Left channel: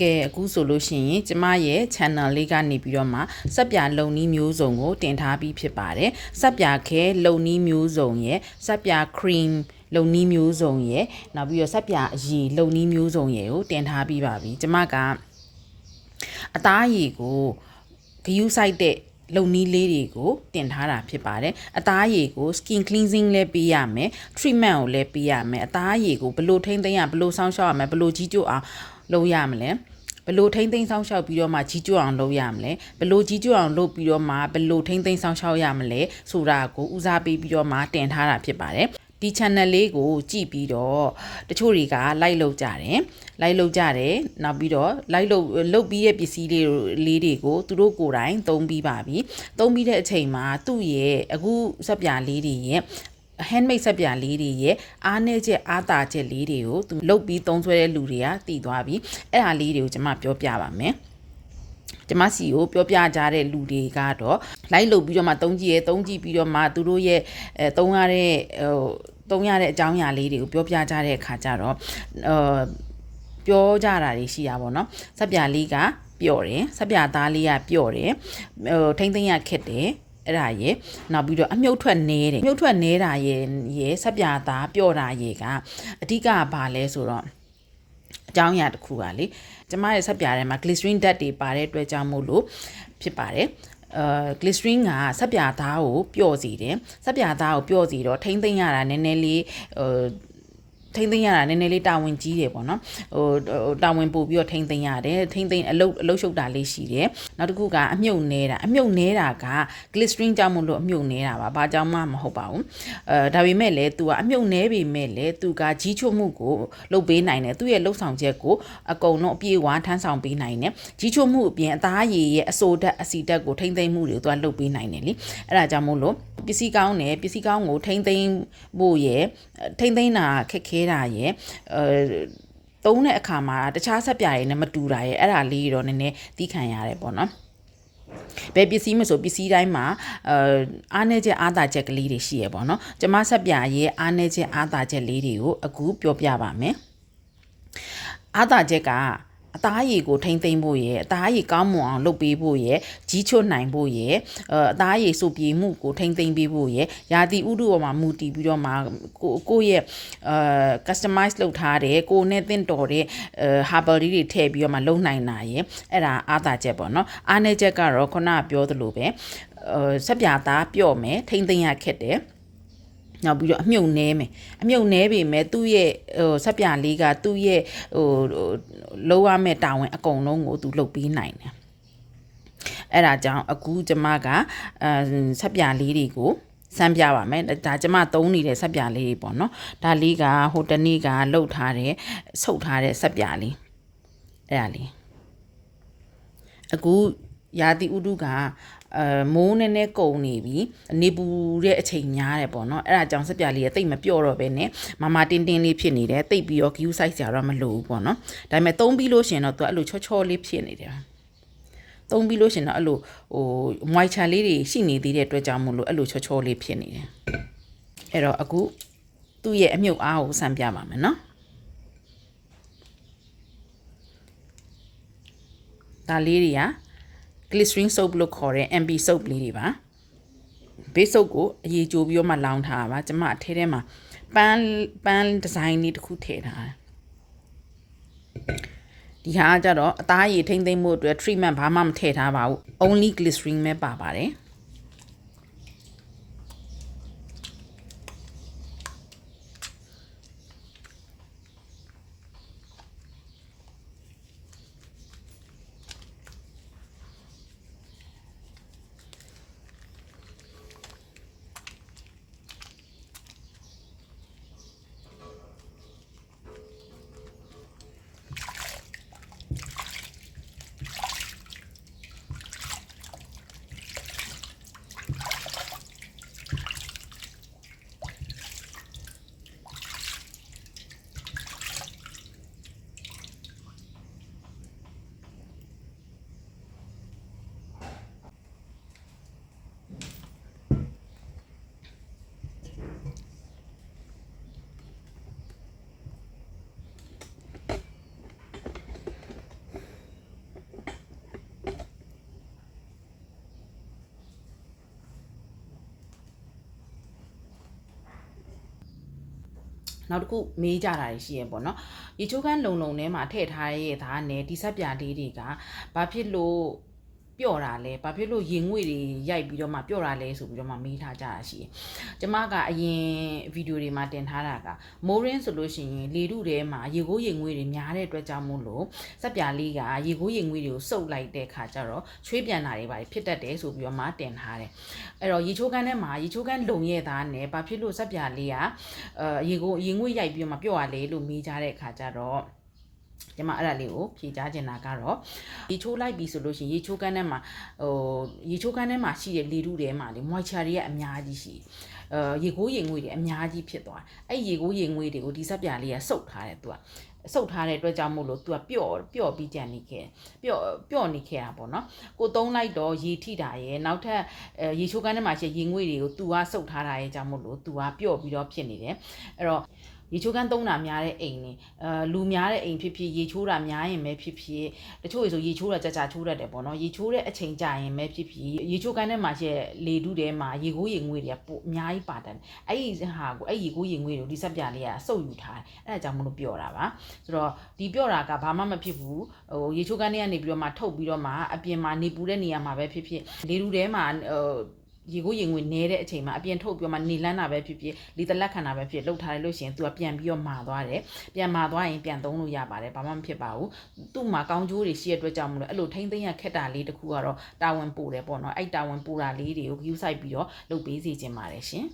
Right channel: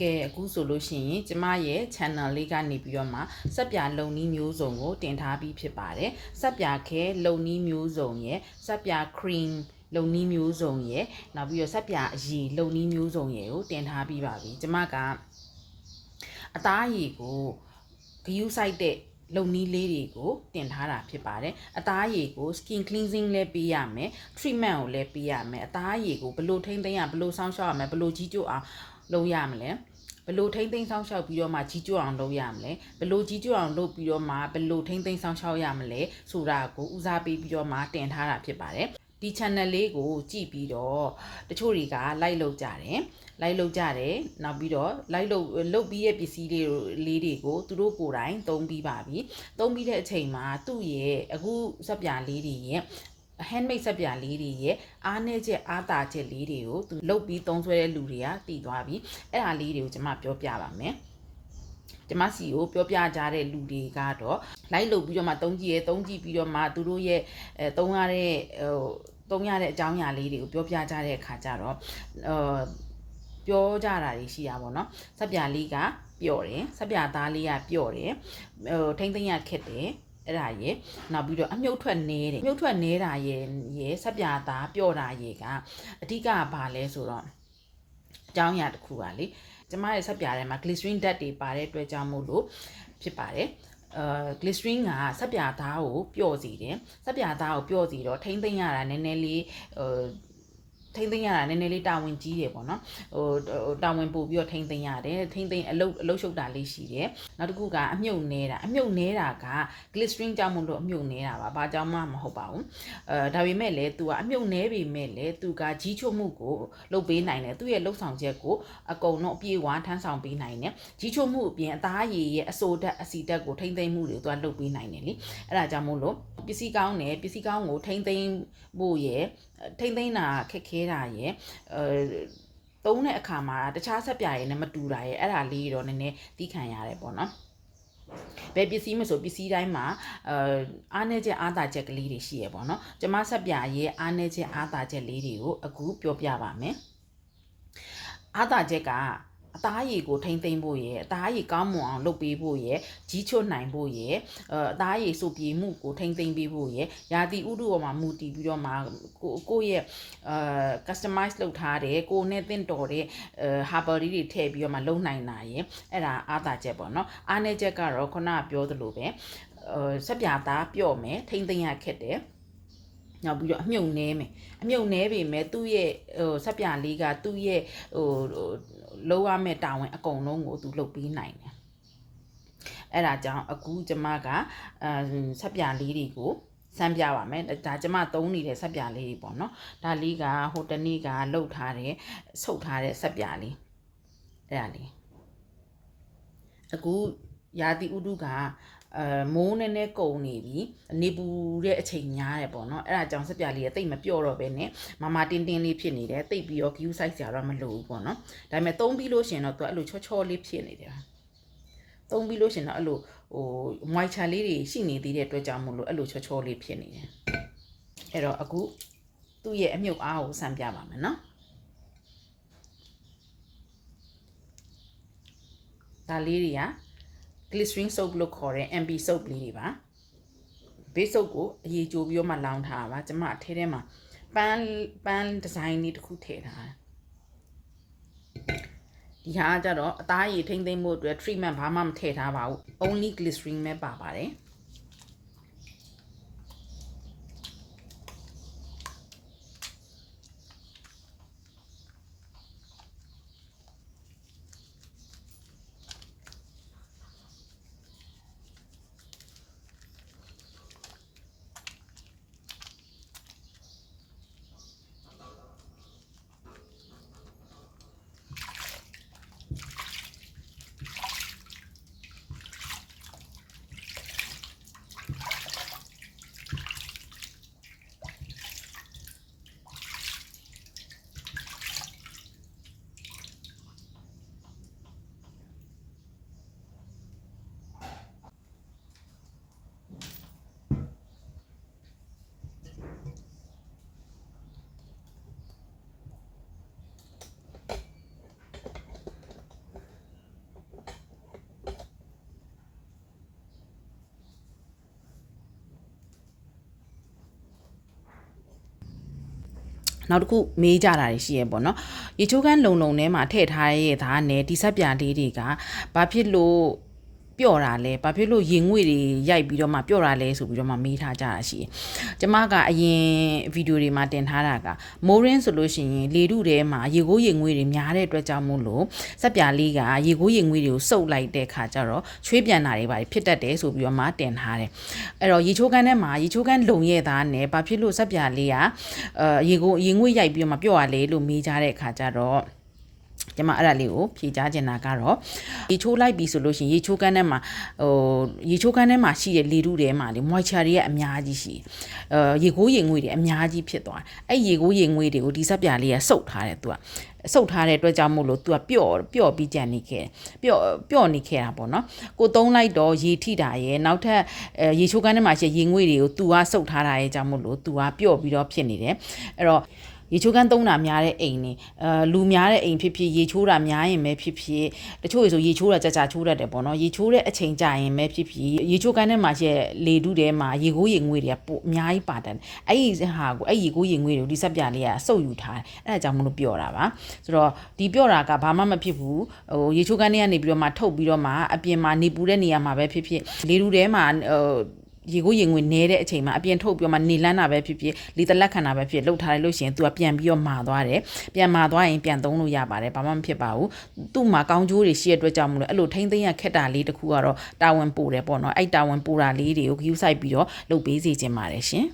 ကဲအခုဆိုလို့ရှိရင်ကျမရဲ့ channel လေးကနေပြီးတော့မှစက်ပြလုံနီးမျိုးစုံကိုတင်ထားပြီးဖြစ်ပါတယ်စက်ပြခဲလုံနီးမျိုးစုံရဲ့စက်ပြ cream လုံနီးမျိုးစုံရဲ့နောက်ပြီးတော့စက်ပြအရီလုံနီးမျိုးစုံရဲ့ကိုတင်ထားပြီးပါပြီကျမကအသားအရီကိုဂယူးဆိုင်တဲ့လုံနီးလေးတွေကိုတင်ထားတာဖြစ်ပါတယ်အသားအရည်ကို skin cleansing လည်းပေးရမယ် treatment ကိုလည်းပေးရမယ်အသားအရည်ကိုဘယ်လိုထိမ့်သိမ်းရဘယ်လိုစောင့်ရှောက်ရမလဲဘယ်လိုကြီးကျိုးအောင် လုပ်ရမလဲဘယ်လိုထိမ့်သိမ်းစောင့်ရှောက်ပြီးတော့မှကြီးကျိုးအောင်လုပ်ရမလဲဘယ်လိုကြီးကျိုးအောင်လုပ်ပြီးတော့မှဘယ်လိုထိမ့်သိမ်းစောင့်ရှောက်ရမလဲဆိုတာကိုဦးစားပေးပြီးတော့မှတင်ထားတာဖြစ်ပါတယ်ဒီ channel လေးကိုကြည့်ပြီးတော့တချို့တွေက like လုပ်ကြတယ် like လုပ်ကြတယ်နောက်ပြီးတော့ like လုပ်လုပ်ပြီးတဲ့ပစ္စည်းလေးလေးတွေကိုသူတို့ကိုယ်တိုင်သုံးပြီးပါပြီသုံးပြီးတဲ့အချိန်မှာသူ့ရဲ့အခုစက်ပြားလေးတွေရဲ့ handmade ဆက်ပြလေးတွေရဲ့အားနည်းချက်အားသာချက်လေးတွေကိုသူလုတ်ပြီးသုံးဆွဲတဲ့လူတွေကတည်သွားပြီအဲ့ဒါလေးတွေကိုကျွန်မပြောပြပါမယ်ကျမစီကိုပြောပြကြတဲ့လူတွေကတော့ live လုပ်ပြီးတော့မှတုံးကြည့်ရဲတုံးကြည့်ပြီးတော့မှသူတို့ရဲ့အဲတုံးရတဲ့ဟိုတုံးရတဲ့အကြောင်းအရာလေးတွေကိုပြောပြကြတဲ့အခါကျတော့အာပြောကြတာတွေရှိတာပေါ့နော်စက်ပြလေးကပျော့တယ်စက်ပြသားလေးကပျော့တယ်ဟိုထိမ့်သိမ့်ရခက်တယ် အဲ့ဒါရေနောက်ပြီးတော့အမြုပ်ထွက်နေတယ်မြုပ်ထွက်နေတာရေရေဆက်ပြသားပျော့တာရေကအဓိကဘာလဲဆိုတော့အကြောင်းအရာတစ်ခုကလေကျမရဲ့ဆက်ပြထဲမှာ glycerin ဓာတ်တွေပါတဲ့အတွက်ကြောင့်မို့လို့ဖြစ်ပါတယ်အဲ glycerin ကဆက်ပြသားကိုပျော့စေတယ်ဆက်ပြသားကိုပျော့စေတော့ထိမ့်သိမ့်ရတာနည်းနည်းလေးဟို ထိမ့်သိမ့်ရတာနည်းနည်းလေးတာဝန်ကြီးတယ်ပေါ့နော်ဟိုတာဝန်ပို့ပြီးတော့ထိမ့်သိမ့်ရတယ်ထိမ့်သိမ့်အလုတ်အလုတ်ရှုပ်တာလေးရှိတယ်နောက်တစ်ခုကအမြုပ်နေတာအမြုပ်နေတာက glycerin ကြောင့်မလို့အမြုပ်နေတာပါဘာကြောင့်မှမဟုတ်ပါဘူးအဲဒါပေမဲ့လည်း तू ကအမြုပ်နေပေမဲ့လည်း तू ကကြီးချွတ်မှုကိုလုတ်ပေးနိုင်တယ်သူ့ရဲ့လှုပ်ဆောင်ချက်ကိုအကုန်လုံးအပြည့်အဝထမ်းဆောင်ပေးနိုင်တယ်ကြီးချွတ်မှုအပြင်အသားရည်ရဲ့အဆိုဓာတ်အစီဓာတ်ကိုထိမ့်သိမ့်မှုတွေကို तू ကလှုပ်ပေးနိုင်တယ်လीအဲ့ဒါကြောင့်မို့လို့ပစ္စည်းကောင်းတယ်ပစ္စည်းကောင်းကိုထိမ့်သိမ့်ဖို့ရဲ့ထိမ့်သိမ့်တာခက်ခဲ တာရဲ့အဲသုံးတဲ့အခါမှာတခြားဆက်ပြားတွေနဲ့မတူတာရဲ့အဲ့ဒါလေးတော့နည်းနည်းသိခံရတယ်ပေါ့နော်ဘယ်ပစ္စည်းမဆိုပစ္စည်းတိုင်းမှာအာအားနည်းချက်အားသာချက်ကလေးတွေရှိရပေါ့နော်ကျမဆက်ပြရဲ့အားနည်းချက်အားသာချက်လေးတွေကိုအခုပြောပြပါမယ်အားသာချက်က အသားရည်ကိုထိမ့်သိမ့်ဖို့ရယ်အသားရည်ကောင်းမွန်အောင်လုပ်ပေးဖို့ရယ်ကြီးချွတ်နိုင်ဖို့ရယ်အသားရည်စုပ်ပြေမှုကိုထိမ့်သိမ့်ပေးဖို့ရယ်ယာတီဥဒုပေါ်မှာမူတည်ပြီးတော့မှကိုကိုရဲ့အာ customize လုပ်ထားတဲ့ကိုနဲ့တင့်တော်တဲ့အာ herbal တွေထည့်ပြီးတော့မှလုပ်နိုင်တာရယ်အဲ့ဒါအားသာချက်ပေါ့နော်အားနည်းချက်ကတော့ခုနကပြောသလိုပဲအာဆက်ပြာသားပြော့မယ်ထိမ့်သိမ့်ရခက်တယ် နောက်ပြီးတော့အမြုပ်နဲမယ်အမြုပ်နဲပေမဲ့သူ့ရဲ့ဟိုဆက်ပြလေးကသူ့ရဲ့ဟိုလုံးဝမဲ့တာဝန်အကုန်လုံးကိုသူလုပ်ပေးနိုင်တယ်အဲ့ဒါကြောင့်အခုကျမကအဲဆက်ပြလေးတွေကိုစမ်းပြပါမယ်ဒါကျမသုံးနေတဲ့ဆက်ပြလေးတွေပေါ့နော်ဒါလေးကဟိုတနေ့ကလှုပ်ထားတဲ့ဆုပ်ထားတဲ့ဆက်ပြလေးအဲ့ဒါလေးအခုယာတိဥဒုက အဲမိုးနည်းနည်းကုန်နေပြီနေပူတဲ့အချိန်များတယ်ပေါ့နော်အဲ့ဒါကြောင့်စက်ပြလေးကတိတ်မပြော့တော့ပဲနဲ့မမတင်းတင်းလေးဖြစ်နေတယ်တိတ်ပြီးတော့ queue size ကြတော့မလိုဘူးပေါ့နော်ဒါပေမဲ့သုံးပြီးလို့ရှင်တော့သူအဲ့လိုချောချောလေးဖြစ်နေတယ်သုံးပြီးလို့ရှင်တော့အဲ့လိုဟို moisture လေးတွေရှိနေသေးတဲ့အတွက်ကြောင့်မို့လို့အဲ့လိုချောချောလေးဖြစ်နေတယ်အဲ့တော့အခုသူ့ရဲ့အမြုပ်အားကိုစမ်းပြပါမယ်နော်ဒါလေးတွေက glycerin soap လို့ခေါ်တဲ့ MB soap လေးတွေပါ base soap ကိုအရေးကြိုးပြီးတော့မှလောင်းထားတာပါကျွန်မအထဲထဲမှာပန်းပန်းဒီဇိုင်းလေးတစ်ခုထည့်ထားတယ်ဒီဟာကကြတော့အသားရည်ထိမ့်သိမ့်မှုအတွက် treatment ဘာမှမထည့်ထားပါဘူး only glycerin ပဲပါပါတယ် နောက်တစ်ခုမေးကြတာတွေရှိရပေါ့နော်ရေချိုးကန်းလုံလုံထဲမှာထည့်ထားရတဲ့သားနဲ့ဒီဆက်ပြလေးတွေကဘာဖြစ်လို့ ပျော့တာလဲဘာဖြစ်လို့ရင်ငွေတွေရိုက်ပြီးတော့မှပျော့တာလဲဆိုပြီးတော့မှမေးထားကြတာရှိတယ်။ကျမကအရင်ဗီဒီယိုတွေမှာတင်ထားတာကမိုးရင်းဆိုလို့ရှိရင်လေထုထဲမှာရေကိုးရင်ငွေတွေများတဲ့အတွက်ကြောင့်မို့လို့ဆက်ပြလေးကရေကိုးရင်ငွေတွေကိုစုပ်လိုက်တဲ့ခါကျတော့ချွေးပြန်တာတွေပါဖြစ်တတ်တယ်ဆိုပြီးတော့မှတင်ထားတယ်။အဲ့တော့ရေချိုးကန်းထဲမှာရေချိုးကန်းလုံရဲ့သားနဲ့ဘာဖြစ်လို့ဆက်ပြလေးကအဲရေကိုးရေငွေရိုက်ပြီးတော့မှပျော့ရလဲလို့မေးကြတဲ့ခါကျတော့ ကျမအဲ့ဒါလေးကိုဖြေကြားချင်တာကတော့ရေချိုးလိုက်ပြီဆိုလို့ရှိရင်ရေချိုးကန်းထဲမှာဟိုရေချိုးကန်းထဲမှာရှိတဲ့လေထုထဲမှာလေ moisture တွေကအများကြီးရှိအဲရေကိုးရေငွေတွေအများကြီးဖြစ်သွားတယ်အဲ့ရေကိုးရေငွေတွေကိုဒီစက်ပြလေးကစုပ်ထားတယ်သူကစုပ်ထားတဲ့အတွက်ကြောင့်မို့လို့ तू ကပျော့ပျော့ပြီးကြံနေခဲ့ပျော့ပျော့နေခဲ့တာပေါ့နော်ကိုသုံးလိုက်တော့ရေထိတာရဲ့နောက်ထပ်အဲရေချိုးကန်းထဲမှာရှိရေငွေတွေကို तू ကစုပ်ထားတာရဲ့ကြောင့်မို့လို့ तू ကပျော့ပြီးတော့ဖြစ်နေတယ်အဲ့တော့ ရေချိုးကန်းသုံးတာများတဲ့အိမ်နေအဲလူများတဲ့အိမ်ဖြစ်ဖြစ်ရေချိုးတာများရင်ပဲဖြစ်ဖြစ်တချို့ရေဆိုရေချိုးတာကြာကြာချိုးတတ်တယ်ပေါ့နော်ရေချိုးတဲ့အချိန်ကြာရင်ပဲဖြစ်ဖြစ်ရေချိုးကန်းထဲမှာရှိတဲ့လေတုထဲမှာရေကိုးရေငွေတွေကပိုအများကြီးပါတတ်တယ်အဲ့ဒီဟာကိုအဲ့ဒီရေကိုးရေငွေတွေကိုဒီဆက်ပြလေးကစုပ်ယူထားတယ်အဲ့ဒါကြောင့်မလို့ပြောတာပါဆိုတော့ဒီပြောတာကဘာမှမဖြစ်ဘူးဟိုရေချိုးကန်းထဲကနေပြီးတော့မှထုတ်ပြီးတော့မှအပြင်မှာနေပူတဲ့နေရာမှာပဲဖြစ်ဖြစ်လေတုထဲမှာဟို ရေကိုရေငွေနဲတဲ့အချိန်မှာအပြင်ထုတ်ပြီးတော့မှနေလန်းတာပဲဖြစ်ဖြစ်လီတလက်ခံတာပဲဖြစ်လှုပ်ထားလိုက်လို့ရှိရင် तू ကပြန်ပြီးတော့မာသွားတယ်ပြန်မာသွားရင်ပြန်သုံးလို့ရပါတယ်ဘာမှမဖြစ်ပါဘူးသူ့မှာကောင်းကျိုးတွေရှိတဲ့အတွက်ကြောင့်မလို့အဲ့လိုထိမ့်သိမ်းရခက်တာလေးတစ်ခုကတော့တာဝန်ပို့တယ်ပေါ့နော်အဲ့တာဝန်ပို့တာလေးတွေကို view site ပြီးတော့လုပ်ပေးစီခြင်းပါတယ်ရှင်